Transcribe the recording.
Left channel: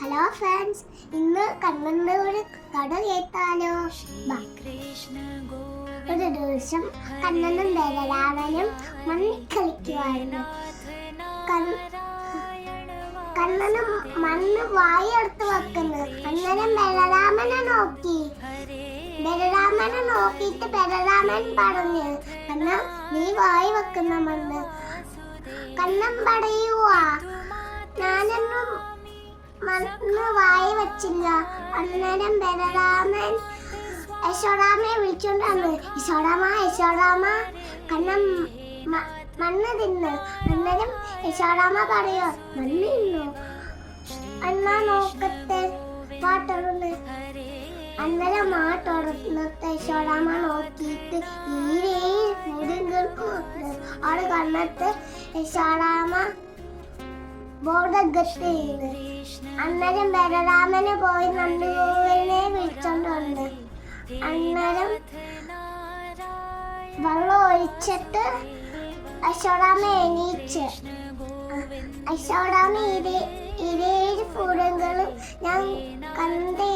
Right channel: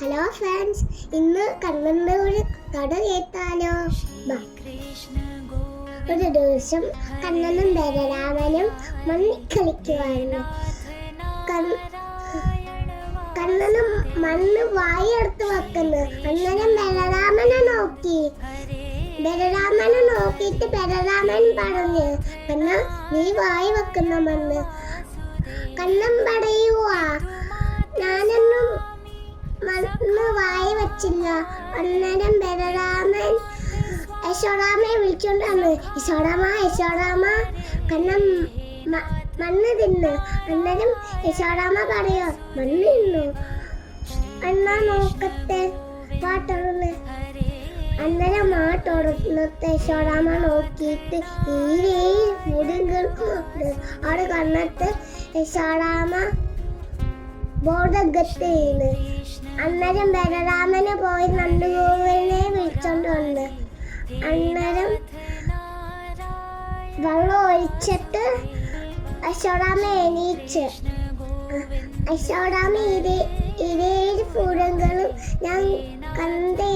Hello friends ഇന്ന് ഒരു കഥ കേട്ടാലോ. ഒരു ദിവസം കണ്ണനും ബലരാമനും മണ്ണിൽ കളിക്കുമായിരുന്നു കണ്ണനും മണ്ണ് വായെടുത്ത് വെക്കുന്നു. അന്നേരം ബലരാമനെ നോക്കി. ബലരാമനെ നോക്കിയിട്ട് ബലരാമൻ പറഞ്ഞു കണ്ണ നീ വായി വെക്കുന്ന മണ്ണ്. കണ്ണൻ പറയുവാ വായി വെച്ചില്ല. അന്നേരം ബലരാമൻ യശോടാമയെ വിളിച്ചോണ്ടാണ് വന്നു. യശോടാമ യശോടാമ കണ്ണൻ മ- മണ്ണ് തിന്ന്. അന്നേരം യശോടാമ പറയോ മണ്ണ് തിന്നു? അണ്ണാ നോക്കത്തെ പാട്ടുള്ളു അന്നേരം തുറന്നിട്ട് യശോടാമ നോക്കിയിട്ട് ഈ മുടിങ്ങൾക്കുണ്ട് ആൾ കണ്ണത്ത് യശോടാമ ബോധഗത്തിന്ന് അന്നേരം ബലരാമന് പോയി നന്ദഗോവിനെ വിളിച്ചോണ്ടുണ്ട്. അന്നേരം വെള്ളം ഒഴിച്ചിട്ട് അശോടാമ എണീച്ച്. അശോടാമ ഇരേഴ് പൂരങ്ങളും ഞാൻ കണ്ടയാ